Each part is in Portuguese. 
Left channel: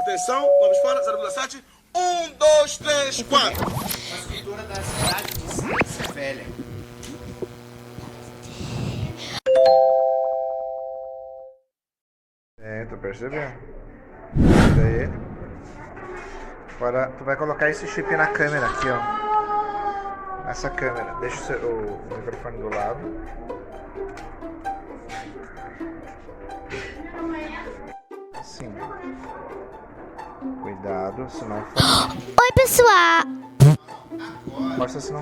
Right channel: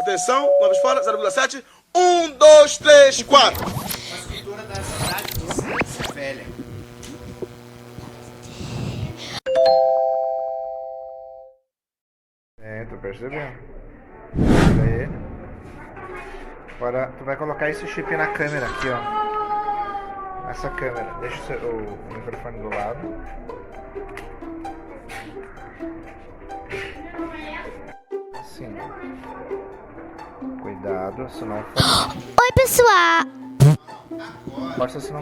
Atenção, vamos fora, 0,7. 1, 2, 3, 4. A escultura da cidade de Ciência Velha. Tu percebeu? Tira ele. Agora tu vai colocar esse chip na câmera aqui, ó. Nessa câmera. Deixa o microfone do lado. Assim. Cuidado, senão for. Oi, pessoal! Força se não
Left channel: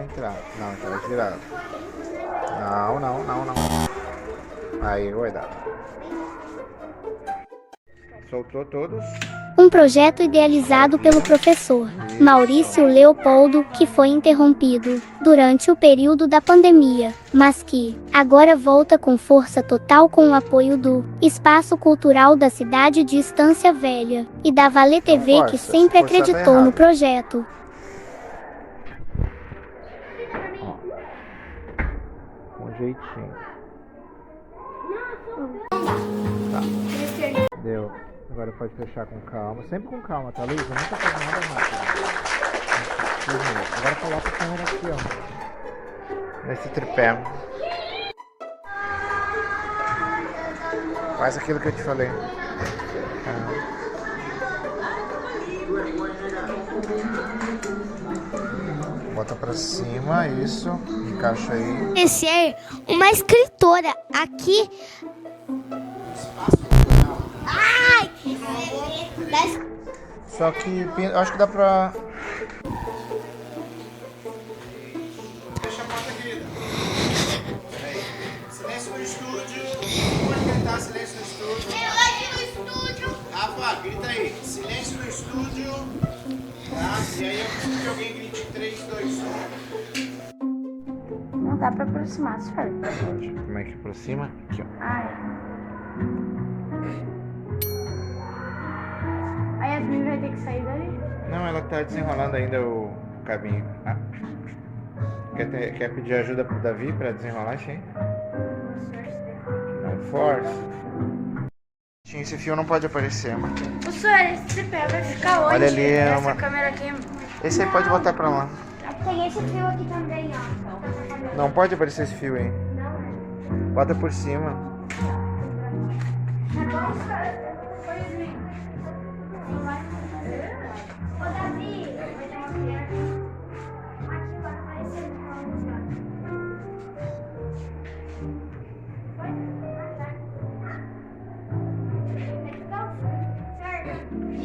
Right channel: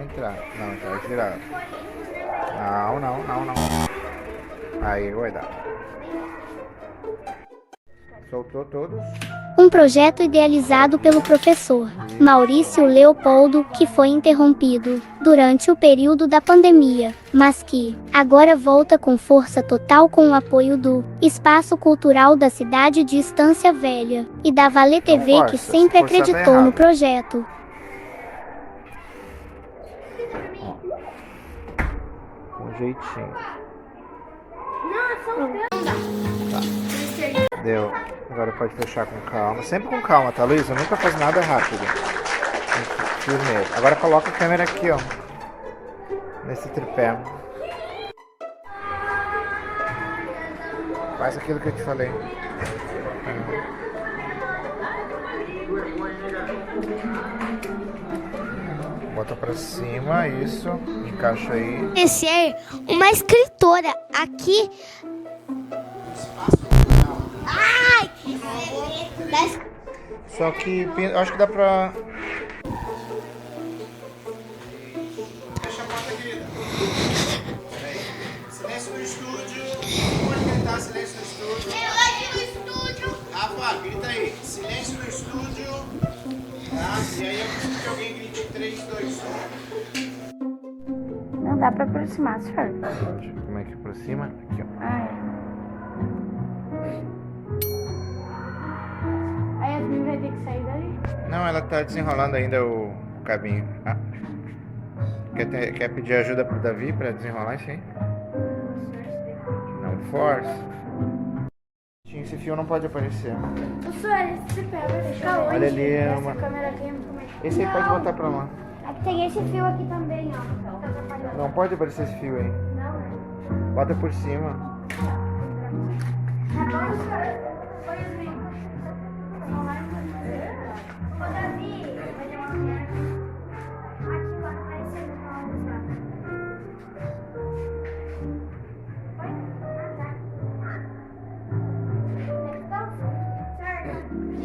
entrar. Não, já vai virado. Não. Aí, cuidado. Soltou todos. Um projeto idealizado pelo professor Maurício Leopoldo, que foi interrompido durante o período da pandemia, mas que agora volta com força total com o apoio do Espaço Cultural da cidade de Estância Velha e da Vale TV, que sempre acreditou no projeto. Um jeitinho. Tá. Deu. Agora pode fechar com calma. Sempre com calma, tá, Luísa? Nunca faz nada rápido. Primeiro. Agora coloca a câmera aqui, ó. Nesse tripé. Faz aquilo que eu te falei. Bota pra cima, isso. Encaixa aí. Ser uma escritora aqui. Ai! Só que eu acho que dá pra. Fecha a porta, querida. Peraí. Silêncio no estúdio. Pode gritar silêncio no estúdio. Silêncio no estúdio! Rafa, grita aí. Silêncio no estúdio. Tá? E aí eu preciso que alguém grite 3, 2, 1. Não dá pra aproximar, senhor. Pode. Como é que aproxima? Aqui, ó. Ai. Aí a Yasmin vai ter que sair dali? Não, ela tá desenrolando ainda o cabinho. Ah. Quer pedir ajuda pro Davi pra desenrolar isso aí? Não force. Esse fio não pode aparecer. O senhor, esse tripé vai ficar onde? Olha ali, Essa uma... câmera aqui. Esse aí pode botar pra lá. Tem esse fio aqui também, ó. Não pode aparecer esse fio aí. Não, né? Bota por cima. É bom, senhor. Foi Yasmin. Ô, Davi, vai ter uma mulher. Aqui vai aparecer uma música.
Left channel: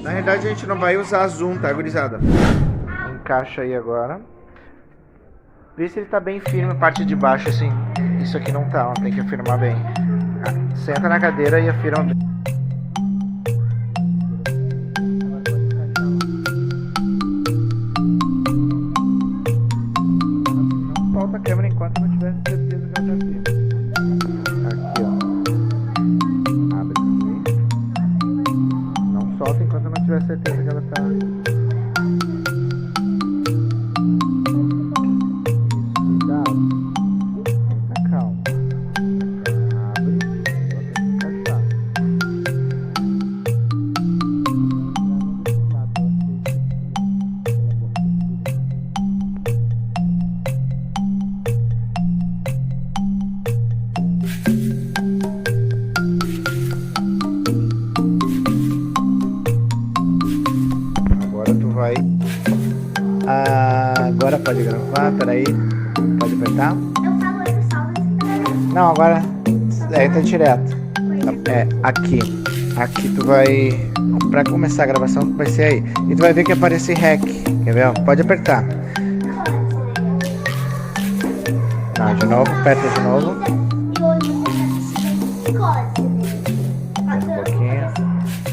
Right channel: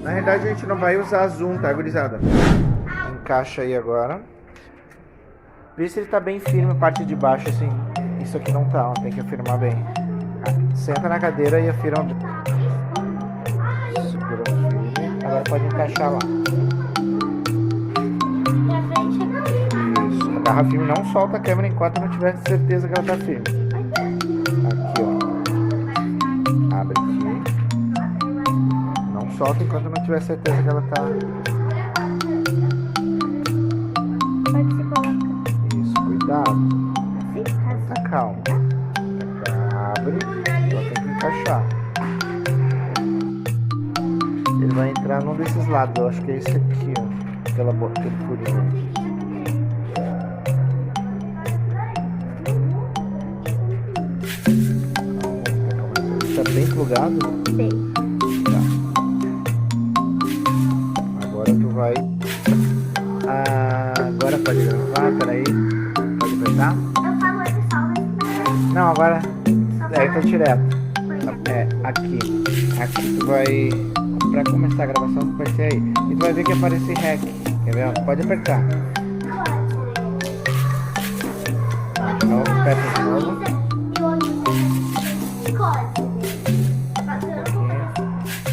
Na realidade a gente não vai usar zoom, tá, gurizada? Encaixa aí agora. Vê se ele tá bem firme, a parte de baixo, assim. Isso aqui não tá, ó, tem que afirmar bem. Senta na cadeira e afirma bem. Segura. Agora pode encaixar lá. Isso. Agarra firme, não solta a câmera enquanto não tiver certeza que ela tá firme. Aqui, ó. Abre aqui. Não solta enquanto não tiver certeza que ela tá... Tá calma. Abre. Só tem que encaixar. Ele vai entrar num desses lados. Eu acho que é esse aqui, ó. Aquele furinho. Tá bem plugado? Sim. Tá. Agora tu vai. Agora pode gravar, peraí. Pode apertar? Eu falo esse salve. Não, agora entra direto. É, aqui. Aqui tu vai. Pra começar a gravação vai ser aí. E tu vai ver que aparece REC. Quer ver? Pode apertar. Não, de novo, aperta de novo. Um pouquinho.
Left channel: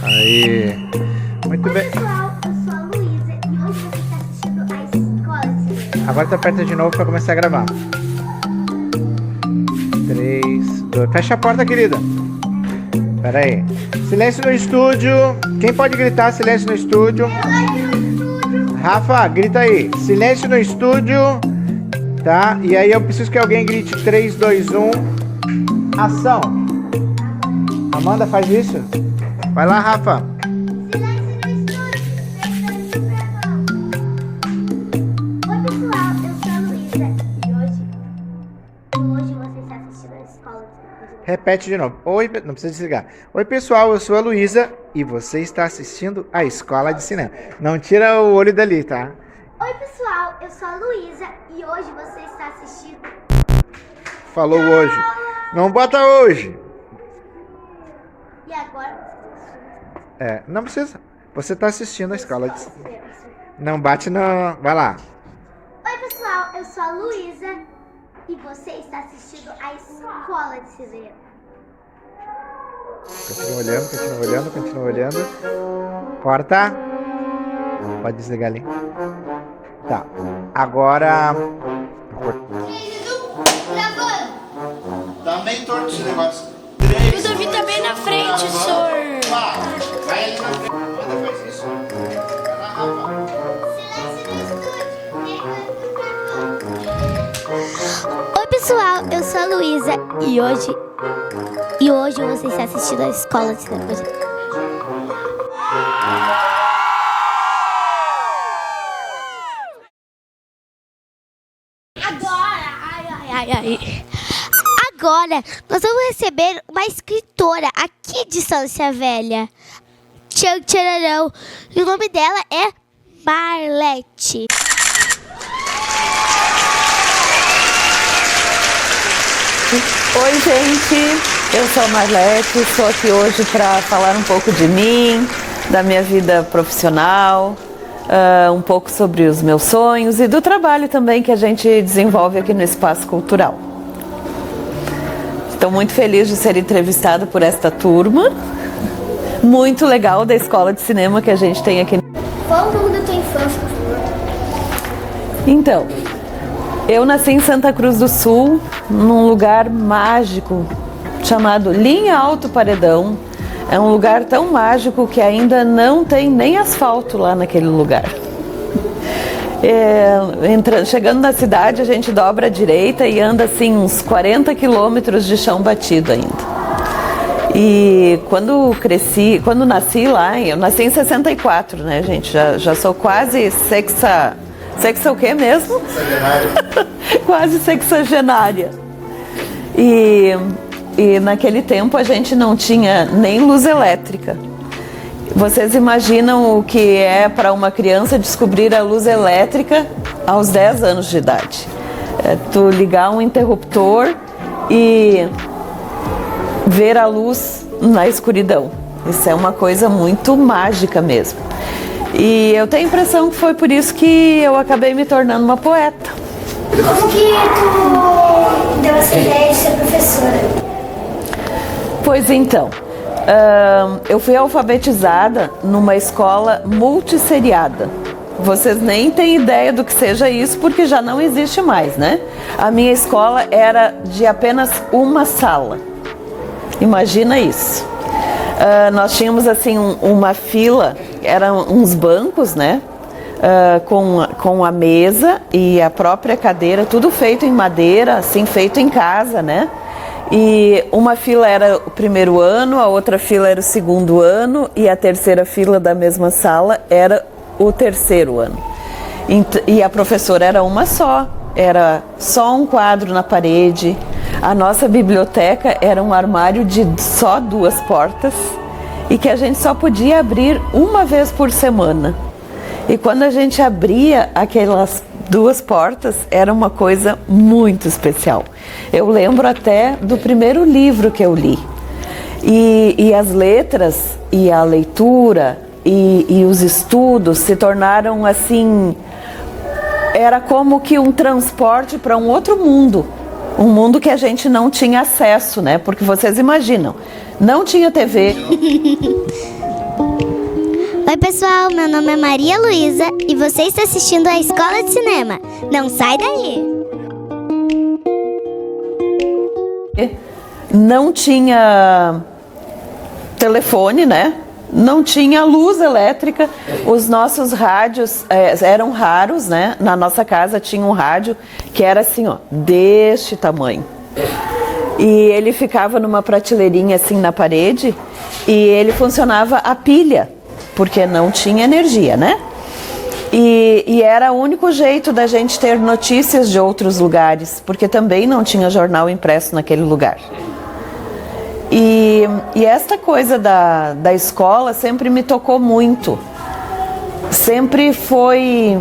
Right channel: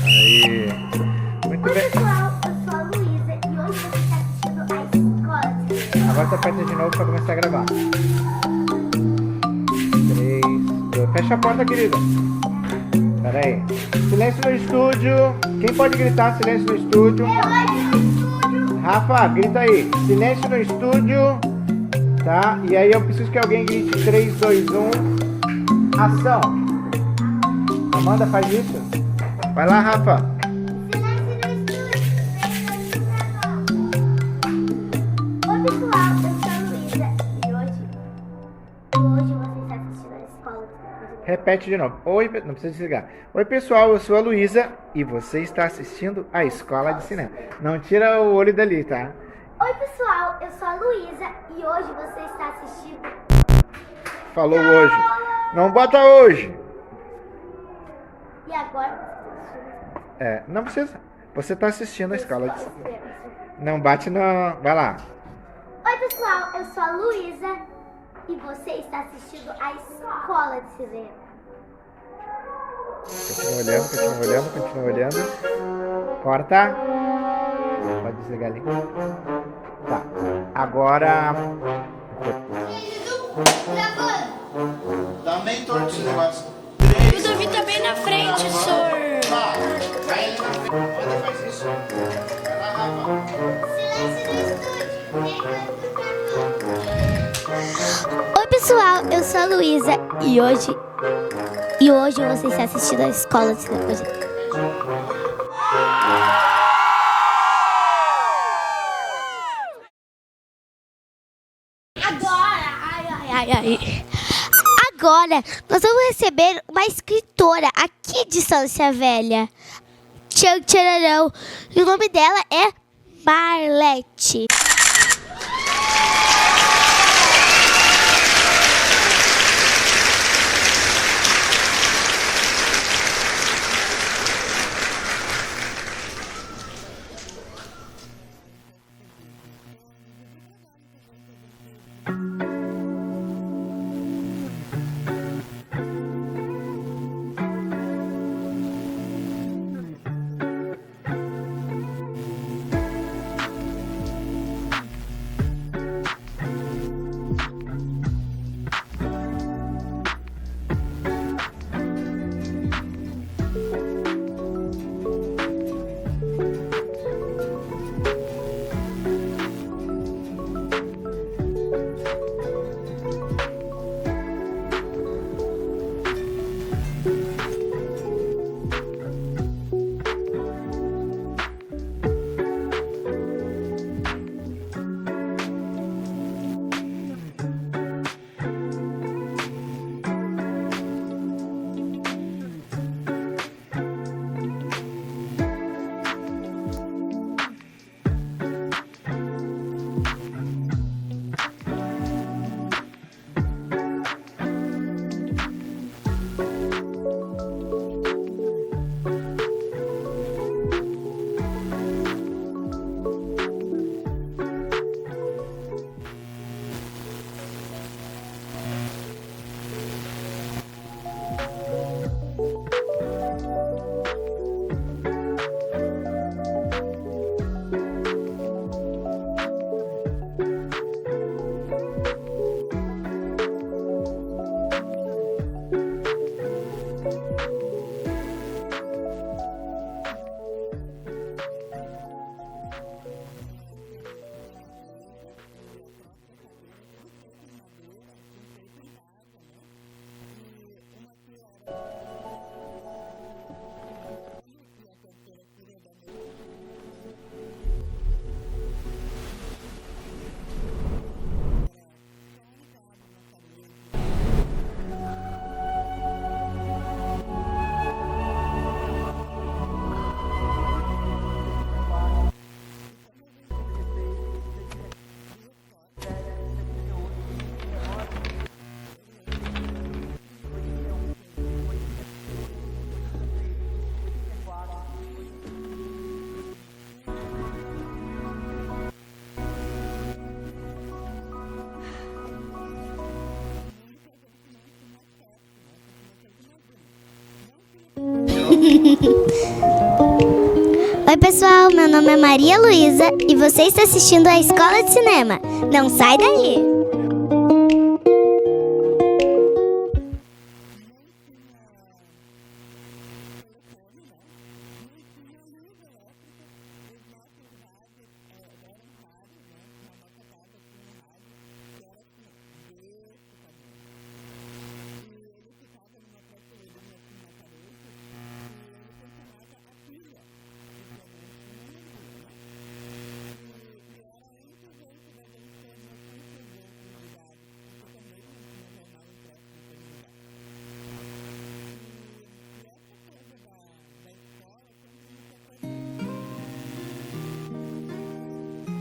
Aí. Muito bem. Pessoal, eu sou a Luísa e hoje você está assistindo a Escola. Agora tu aperta de novo pra começar a gravar. 3, 2. Fecha a porta, querida. Pera aí. Silêncio no estúdio. Quem pode gritar silêncio no estúdio? Rafa, grita aí. Silêncio no estúdio. Tá? E aí eu preciso que alguém grite 3, 2, 1. Ação. Amanda, faz isso. Vai lá, Rafa. Silêncio repete de novo. Oi, não precisa desligar. Oi, pessoal, eu sou a Luísa e você está assistindo a Escola de Cinema. Não tira o olho dali, tá? Oi, pessoal, eu sou a Luísa e hoje você está assistindo. Falou hoje. Não bota hoje. E agora? Não precisa. Você está assistindo a Escola de Cinema. Não bate no... Vai lá. Oi, pessoal, eu sou a Luísa e você está assistindo a Escola de Cinema. Continua olhando. Corta. Pode desligar ali. Tá. Agora... Dá meio torto esse negócio. O Davi tá bem na frente, senhor. Vai ali na frente. Amanda faz isso. Vai lá, Rafa. Oi, pessoal, eu sou a Luísa e hoje você está assistindo a Escola de Cinema. Agora, nós vamos receber uma escritora aqui de Estância Velha. Tchan, tchararão. E o nome dela é Marlete. Oi, gente, eu sou a Marlete, estou aqui hoje para falar um pouco de mim, da minha vida profissional, um pouco sobre os meus sonhos e do trabalho também que a gente desenvolve aqui no Espaço Cultural. Estou muito feliz de ser entrevistada por esta turma, muito legal da Escola de Cinema que a gente tem aqui. Qual o nome da tua infância, por favor? Então, eu nasci em Santa Cruz do Sul, num lugar mágico chamado Linha Alto Paredão. É um lugar tão mágico que ainda não tem nem asfalto lá naquele lugar. Chegando na cidade, a gente dobra à direita e anda assim uns 40 quilômetros de chão batido ainda. E quando nasci lá, eu nasci em 64, né, gente? Já sou quase Sexa o quê mesmo? Quase sexagenária. E naquele tempo a gente não tinha nem luz elétrica. Vocês imaginam o que é para uma criança descobrir a luz elétrica aos 10 anos de idade? Tu ligar um interruptor e ver a luz na escuridão. Isso é uma coisa muito mágica mesmo. E eu tenho a impressão que foi por isso que eu acabei me tornando uma poeta. Como que tu deu essa ideia de ser professora? Pois então, eu fui alfabetizada numa escola multisseriada. Vocês nem têm ideia do que seja isso, porque já não existe mais, né? A minha escola era de apenas uma sala. Imagina isso. Nós tínhamos assim uma fila, eram uns bancos, né? Com a mesa e a própria cadeira, tudo feito em madeira, assim, feito em casa, né? E uma fila era o primeiro ano, a outra fila era o segundo ano e a terceira fila da mesma sala era o terceiro ano. E a professora era uma só, era só um quadro na parede. A nossa biblioteca era um armário de só 2 portas e que a gente só podia abrir uma vez por semana. E quando a gente abria aquelas 2 portas, era uma coisa muito especial. Eu lembro até do primeiro livro que eu li. E as letras e a leitura e os estudos se tornaram assim... Era como que um transporte para um outro mundo. Um mundo que a gente não tinha acesso, né? Porque vocês imaginam, não tinha TV. Oi, pessoal, meu nome é Maria Luísa e você está assistindo a Escola de Cinema. Não sai daí! Não tinha telefone, né? Não tinha luz elétrica. Os nossos rádios eram raros, né? Na nossa casa tinha um rádio que era assim, ó, deste tamanho. E ele ficava numa prateleirinha assim na parede e ele funcionava a pilha, porque não tinha energia, né? E era o único jeito da gente ter notícias de outros lugares, porque também não tinha jornal impresso naquele lugar. E esta coisa da escola sempre me tocou muito. Sempre foi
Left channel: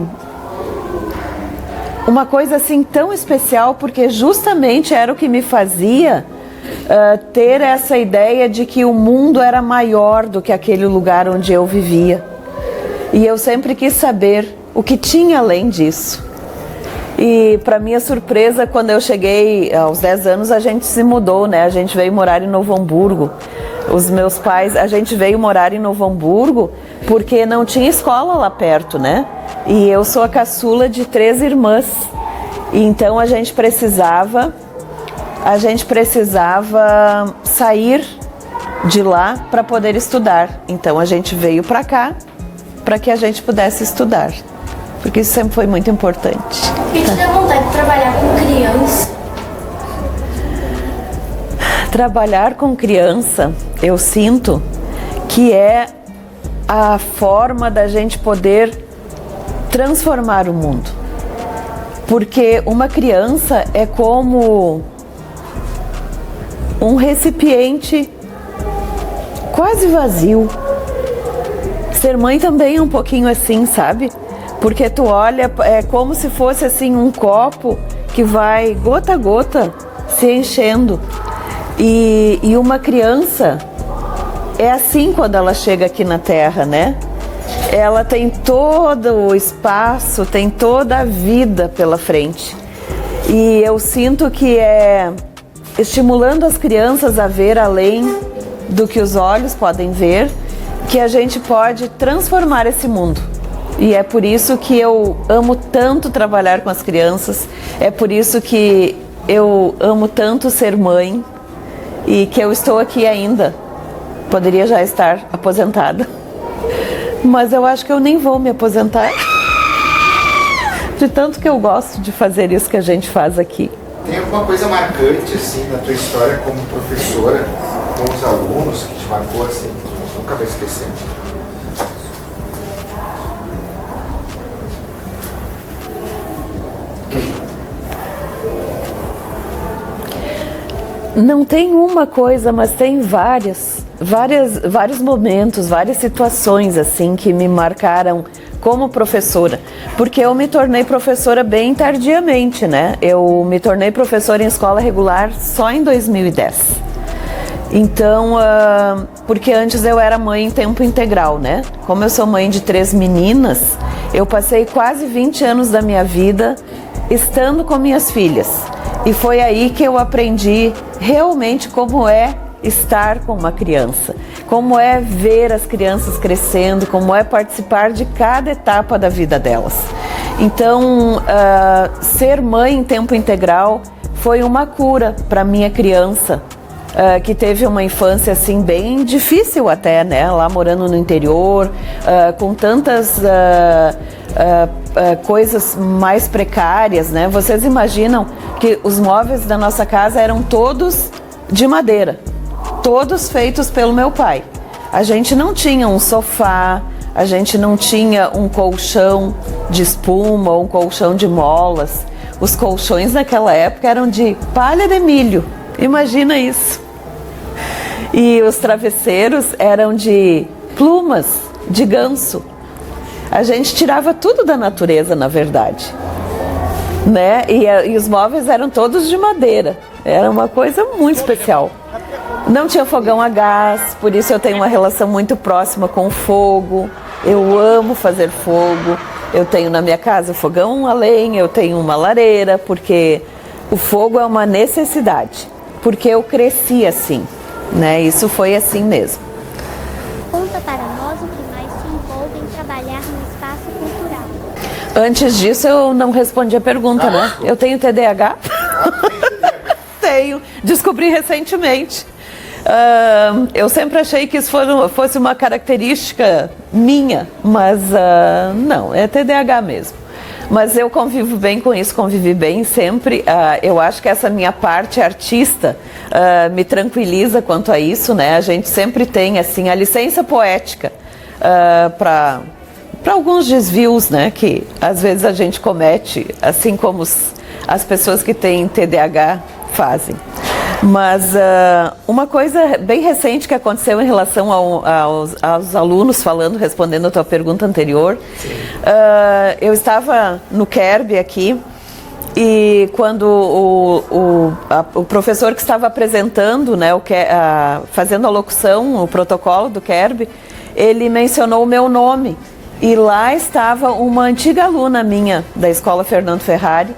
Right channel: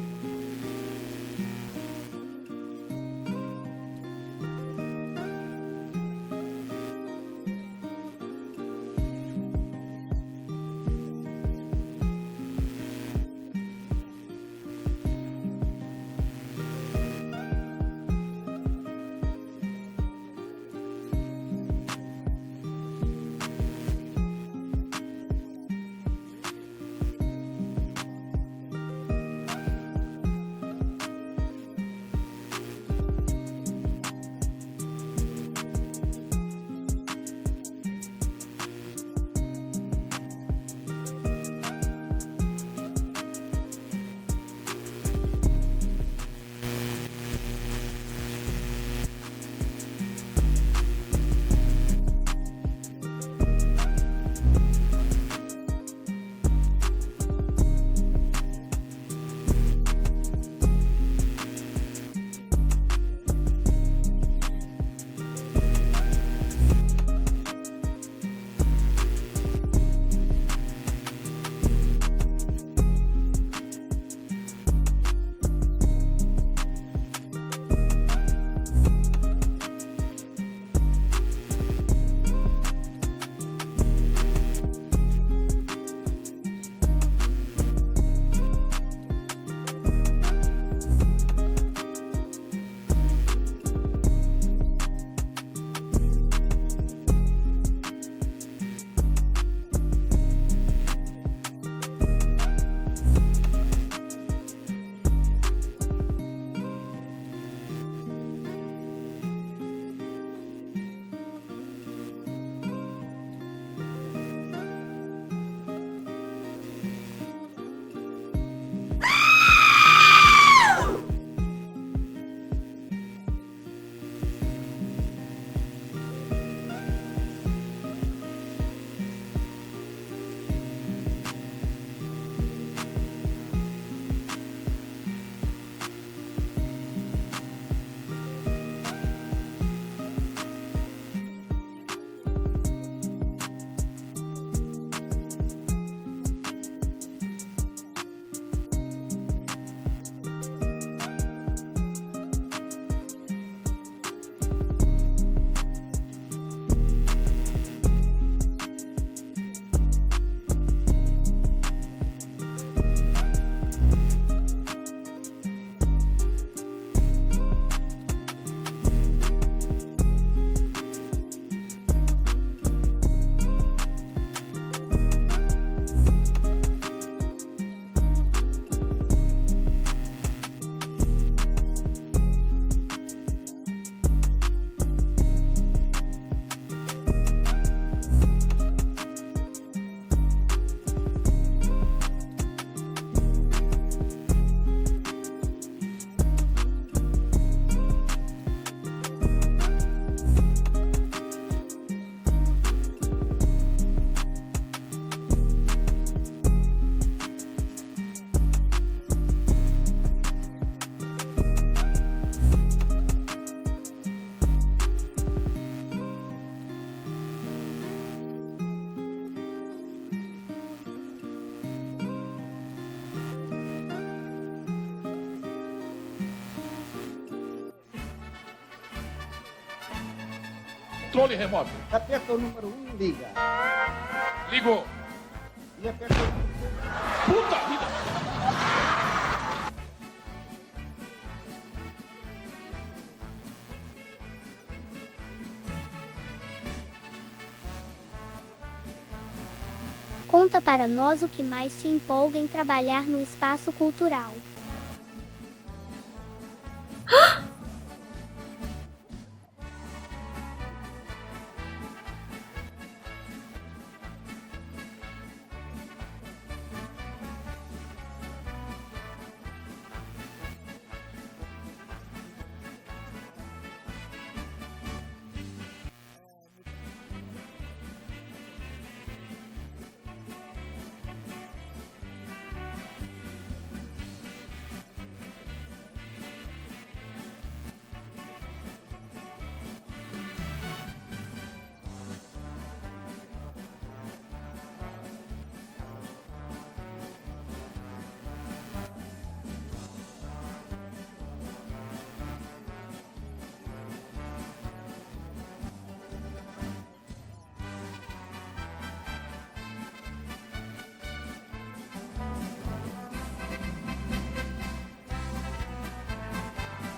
uma coisa assim tão especial, porque justamente era o que me fazia ter essa ideia de que o mundo era maior do que aquele lugar onde eu vivia. E eu sempre quis saber o que tinha além disso. E para minha surpresa, quando eu cheguei aos 10 anos, a gente se mudou, né? A gente veio morar em Novo Hamburgo. Os meus pais, a gente veio morar em Novo Hamburgo porque não tinha escola lá perto, né? E eu sou a caçula de 3 irmãs. E então a gente precisava sair de lá para poder estudar. Então a gente veio para cá para que a gente pudesse estudar. Porque isso sempre foi muito importante. E te deu vontade de trabalhar com criança? Trabalhar com criança, eu sinto que é a forma da gente poder transformar o mundo. Porque uma criança é como um recipiente quase vazio. Ser mãe também é um pouquinho assim, sabe? Porque tu olha, é como se fosse assim um copo que vai gota a gota se enchendo. E uma criança é assim quando ela chega aqui na Terra, né? Ela tem todo o espaço, tem toda a vida pela frente. E eu sinto que é estimulando as crianças a ver além do que os olhos podem ver, que a gente pode transformar esse mundo. E é por isso que eu amo tanto trabalhar com as crianças, é por isso que eu amo tanto ser mãe e que eu estou aqui ainda. Poderia já estar aposentada, mas eu acho que eu nem vou me aposentar, de tanto que eu gosto de fazer isso que a gente faz aqui. Tem alguma coisa marcante assim na tua história como professora, com os alunos, que te marcou assim, que nunca vai esquecer? Não tem uma coisa, mas tem vários momentos, várias situações assim que me marcaram como professora, porque eu me tornei professora bem tardiamente, né? Eu me tornei professora em escola regular só em 2010. Então, porque antes eu era mãe em tempo integral, né? Como eu sou mãe de 3 meninas, eu passei quase 20 anos da minha vida estando com minhas filhas. E foi aí que eu aprendi realmente como é estar com uma criança, como é ver as crianças crescendo, como é participar de cada etapa da vida delas. Então, ser mãe em tempo integral foi uma cura para minha criança, que teve uma infância assim bem difícil até, né? Lá morando no interior, com tantas coisas mais precárias, né? Vocês imaginam que os móveis da nossa casa eram todos de madeira, todos feitos pelo meu pai. A gente não tinha um sofá, a gente não tinha um colchão de espuma ou um colchão de molas. Os colchões naquela época eram de palha de milho, imagina isso. E os travesseiros eram de plumas de ganso. A gente tirava tudo da natureza, na verdade, né? E os móveis eram todos de madeira. Era uma coisa muito especial. Não tinha fogão a gás, por isso eu tenho uma relação muito próxima com o fogo. Eu amo fazer fogo. Eu tenho na minha casa fogão a lenha, eu tenho uma lareira, porque o fogo é uma necessidade. Porque eu cresci assim, né? Isso foi assim mesmo. Conta para nós o que mais te empolga em trabalhar no espaço cultural. Antes disso, eu não respondi a pergunta, né? Eu tenho TDAH? Tenho. Descobri recentemente. Eu sempre achei que isso fosse uma característica minha, mas não, é TDAH mesmo. Mas eu convivo bem com isso, convivi bem sempre. Eu acho que essa minha parte artista me tranquiliza quanto a isso, né? A gente sempre tem assim a licença poética para alguns desvios, né? Que às vezes a gente comete, assim como as pessoas que têm TDAH fazem. Mas uma coisa bem recente que aconteceu em relação aos alunos, respondendo a tua pergunta anterior, eu estava no KERB aqui, e quando o professor que estava apresentando, né, fazendo a locução, o protocolo do KERB, ele mencionou o meu nome. E lá estava uma antiga aluna minha da Escola Fernando Ferrari,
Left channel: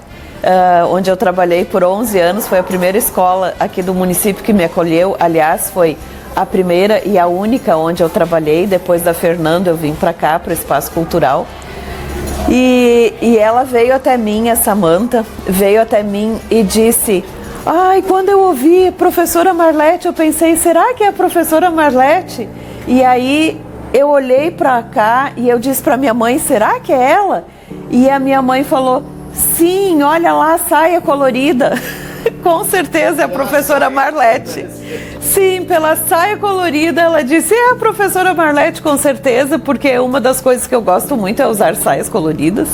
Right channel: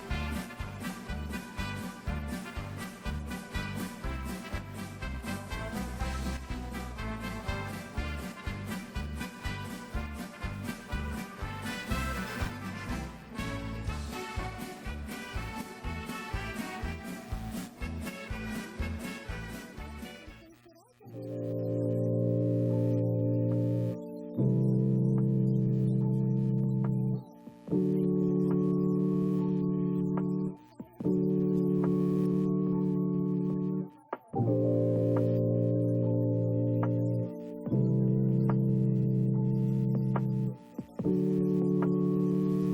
onde eu trabalhei por 11 anos. Foi a primeira escola aqui do município que me acolheu. Aliás, foi a primeira e a única onde eu trabalhei. Depois da Fernando, eu vim para cá, para o Espaço Cultural. E ela veio até mim, a Samanta, veio até mim e disse: ai, quando eu ouvi professora Marlete, eu pensei, será que é a professora Marlete? E aí eu olhei para cá e eu disse para minha mãe, será que é ela? E a minha mãe falou, sim, olha lá a saia colorida. Com certeza é a professora Marlete. Sim, pela saia colorida, ela disse, é a professora Marlete, com certeza, porque uma das coisas que eu gosto muito é usar saias coloridas.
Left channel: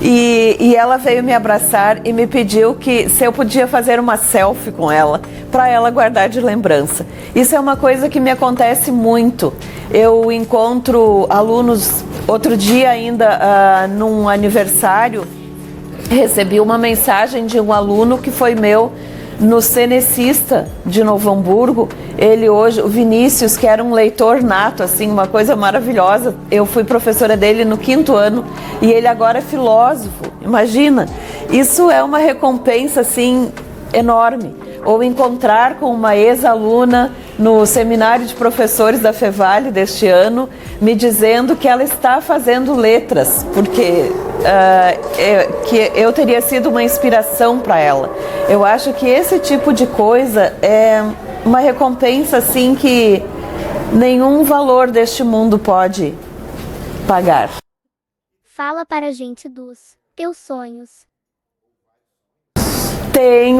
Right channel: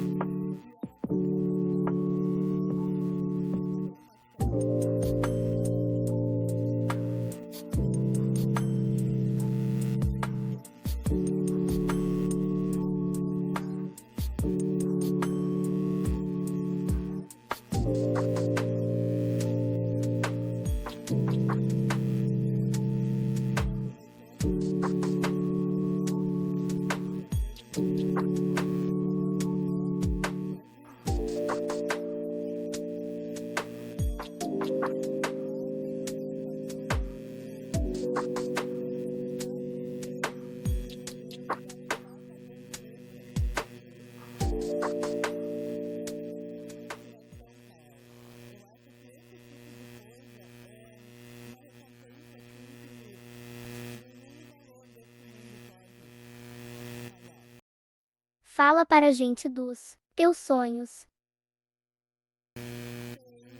E ela veio me abraçar e me pediu que se eu podia fazer uma selfie com ela, para ela guardar de lembrança. Isso é uma coisa que me acontece muito. Eu encontro alunos, outro dia ainda, num aniversário, recebi uma mensagem de um aluno que foi meu no Cenecista de Novo Hamburgo. Ele hoje, o Vinícius, que era um leitor nato, assim, uma coisa maravilhosa. Eu fui professora dele no 5º ano e ele agora é filósofo. Imagina, isso é uma recompensa, assim, enorme. Ou encontrar com uma ex-aluna no seminário de professores da Fevale deste ano, me dizendo que ela está fazendo letras, porque que eu teria sido uma inspiração para ela. Eu acho que esse tipo de coisa é uma recompensa assim que nenhum valor deste mundo pode pagar. Fala para a gente dos teus sonhos.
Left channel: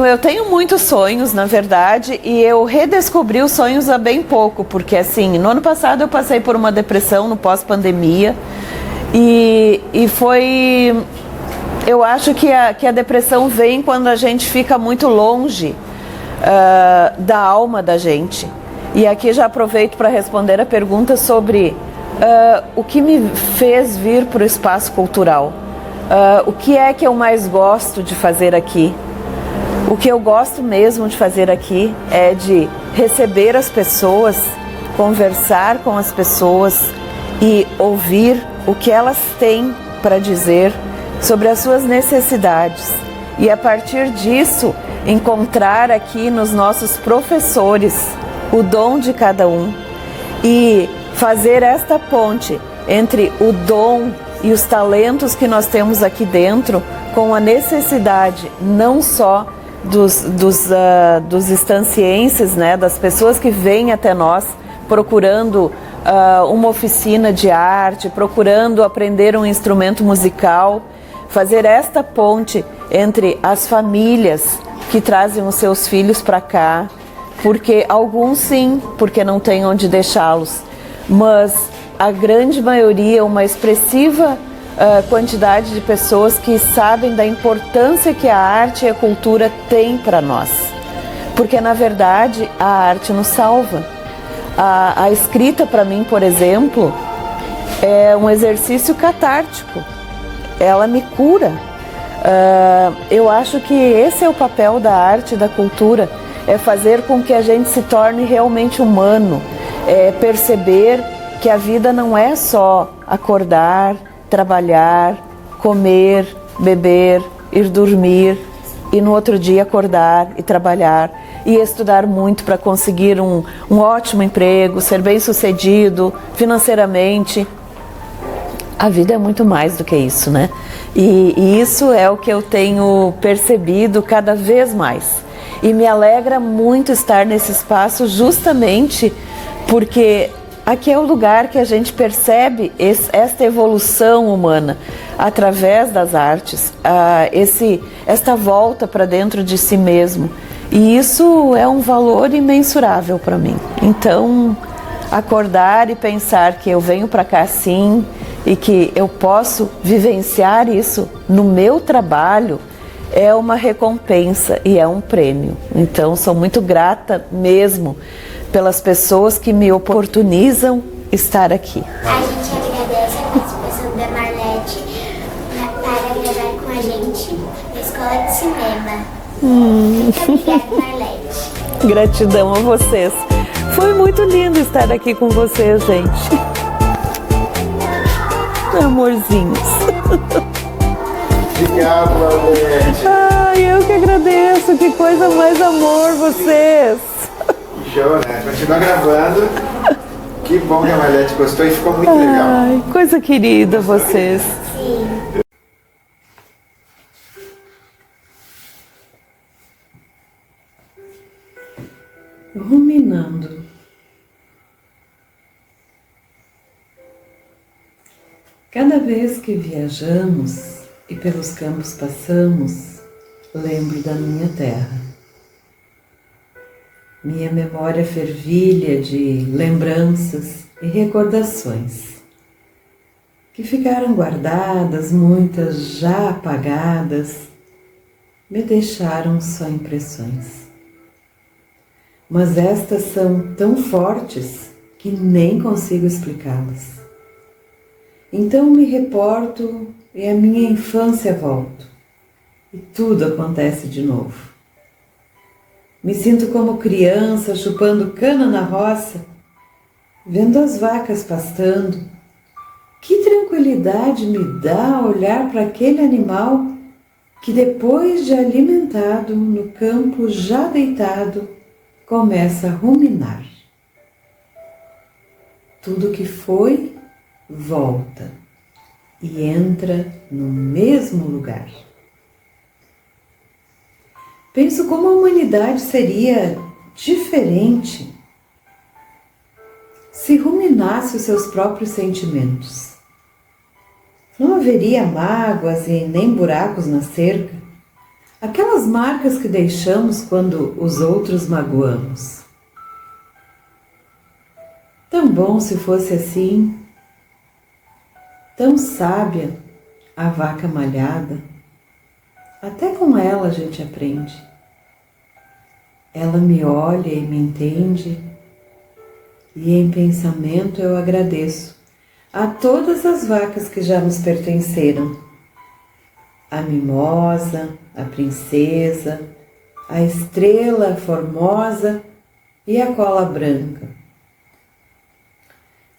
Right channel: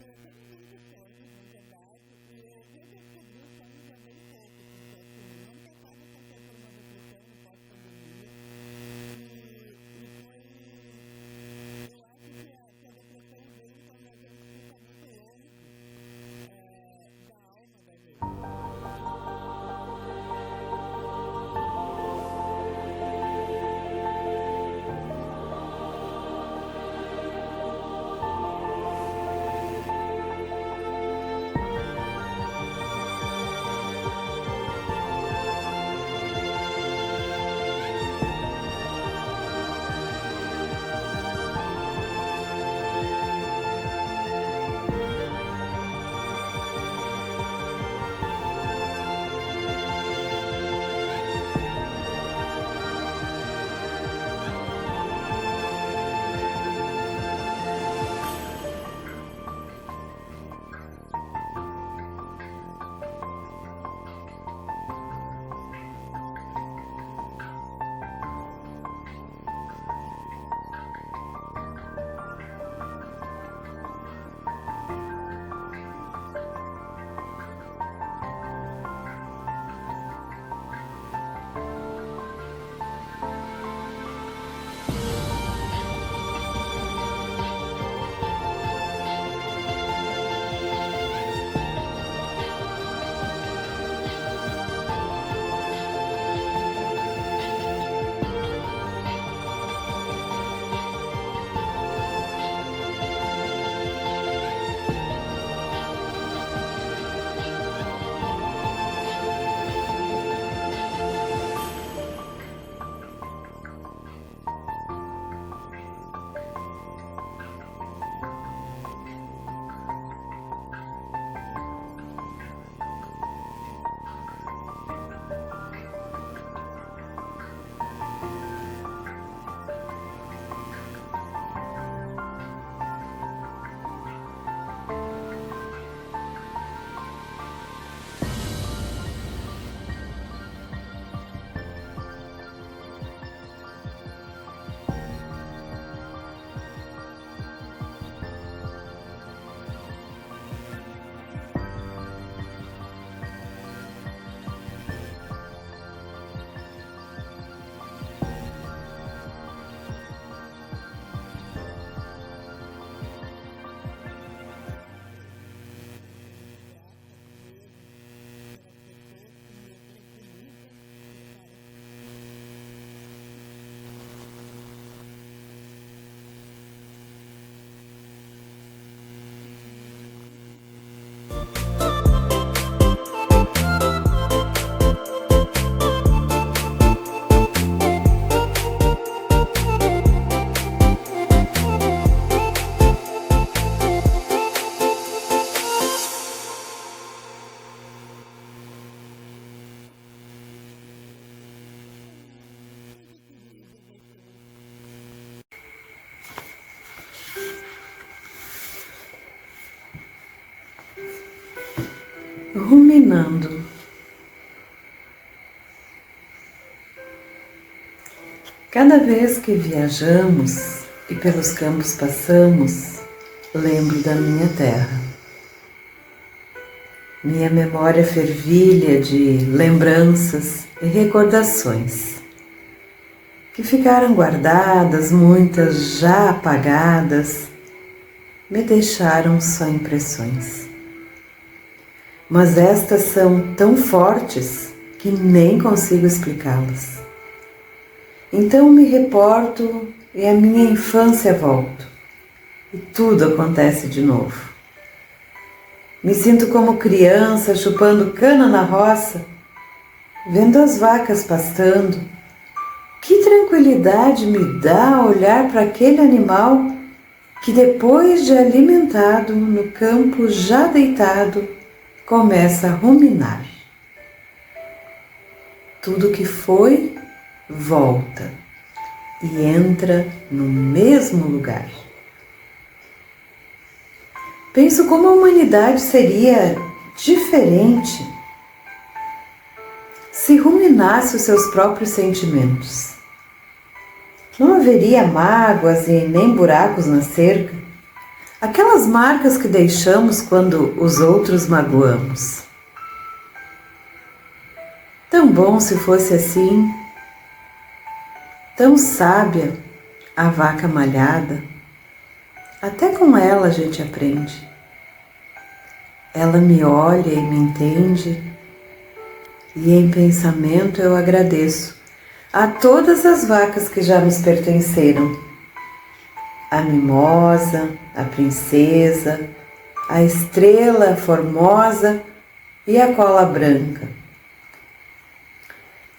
Eu tenho muitos sonhos, na verdade, e eu redescobri os sonhos há bem pouco, porque assim, no ano passado eu passei por uma depressão no pós-pandemia e foi... Eu acho que a depressão vem quando a gente fica muito longe da alma da gente. E aqui já aproveito para responder a pergunta sobre o que me fez vir para o espaço cultural. O que é que eu mais gosto de fazer aqui? O que eu gosto mesmo de fazer aqui é de receber as pessoas, conversar com as pessoas e ouvir o que elas têm para dizer sobre as suas necessidades. E a partir disso, encontrar aqui nos nossos professores o dom de cada um e fazer esta ponte entre o dom e os talentos que nós temos aqui dentro com a necessidade não só dos estancienses, né, das pessoas que vêm até nós procurando uma oficina de arte, procurando aprender um instrumento musical, fazer esta ponte entre as famílias que trazem os seus filhos para cá, porque alguns sim, porque não tem onde deixá-los, mas a grande maioria, uma expressiva quantidade de pessoas que sabem da importância que a arte e a cultura têm para nós. Porque, na verdade, a arte nos salva. A escrita, para mim, por exemplo, é um exercício catártico. Ela me cura. Eu acho que esse é o papel da arte e da cultura, é fazer com que a gente se torne realmente humano, é perceber que a vida não é só acordar, trabalhar, comer, beber, ir dormir e no outro dia acordar e trabalhar e estudar muito para conseguir um ótimo emprego, ser bem-sucedido financeiramente. A vida é muito mais do que isso, né? E isso é o que eu tenho percebido cada vez mais. E me alegra muito estar nesse espaço justamente porque aqui é o lugar que a gente percebe esta evolução humana através das artes, esta volta para dentro de si mesmo. E isso é um valor imensurável para mim. Então, acordar e pensar que eu venho para cá sim e que eu posso vivenciar isso no meu trabalho é uma recompensa e é um prêmio. Então, sou muito grata mesmo pelas pessoas que me oportunizam estar aqui. A gente agradece a participação da Marlete para gravar com a gente na Escola de Cinema. Muito obrigada, Marlete. Gratidão a vocês. Foi muito lindo estar aqui com vocês, gente. Amorzinhos. Obrigado, Marlete. Ai, eu que agradeço. Que coisa mais amor, vocês. Show, né? Continua gravando. Que bom que a Marlete gostou e ficou muito legal. Ai, coisa querida vocês. Ruminando. Cada vez que viajamos e pelos campos passamos, lembro da minha terra. Minha memória fervilha de lembranças e recordações que ficaram guardadas, muitas já apagadas, me deixaram só impressões. Mas estas são tão fortes que nem consigo explicá-las. Então me reporto e a minha infância volto, e tudo acontece de novo. Me sinto como criança chupando cana na roça, vendo as vacas pastando. Que tranquilidade me dá olhar para aquele animal que depois de alimentado no campo já deitado, começa a ruminar. Tudo que foi, volta e entra no mesmo lugar. Penso como a humanidade seria diferente se ruminasse os seus próprios sentimentos. Não haveria mágoas e nem buracos na cerca, aquelas marcas que deixamos quando os outros magoamos. Tão bom se fosse assim, tão sábia a vaca malhada. Até com ela a gente aprende. Ela me olha e me entende, e em pensamento eu agradeço a todas as vacas que já nos pertenceram. A mimosa, a princesa, a estrela formosa e a cola branca.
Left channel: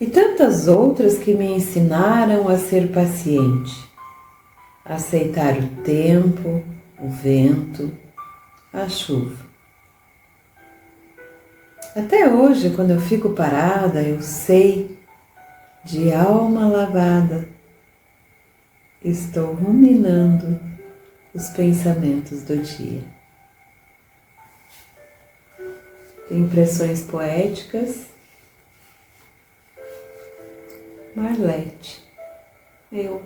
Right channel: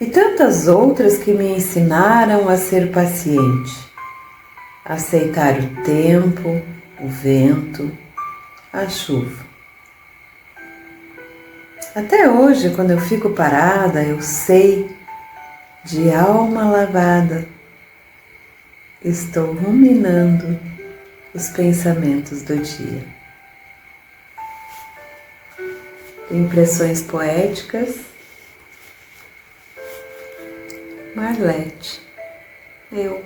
E tantas outras que me ensinaram a ser paciente, a aceitar o tempo, o vento, a chuva. Até hoje, quando eu fico parada, eu sei, de alma lavada, estou ruminando os pensamentos do dia. Impressões poéticas, Marlete, eu.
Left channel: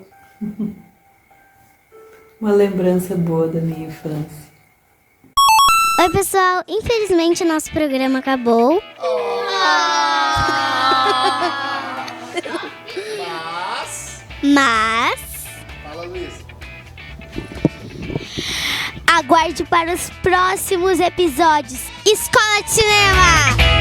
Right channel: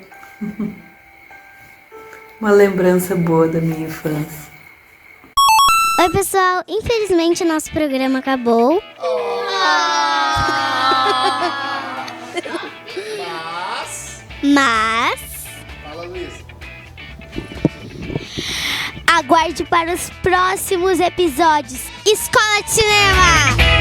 Uma lembrança boa da minha infância. Oi, pessoal. Infelizmente, o nosso programa acabou. Mas... Fala, Luiz. aguarde para os próximos episódios. Escola de Cinema!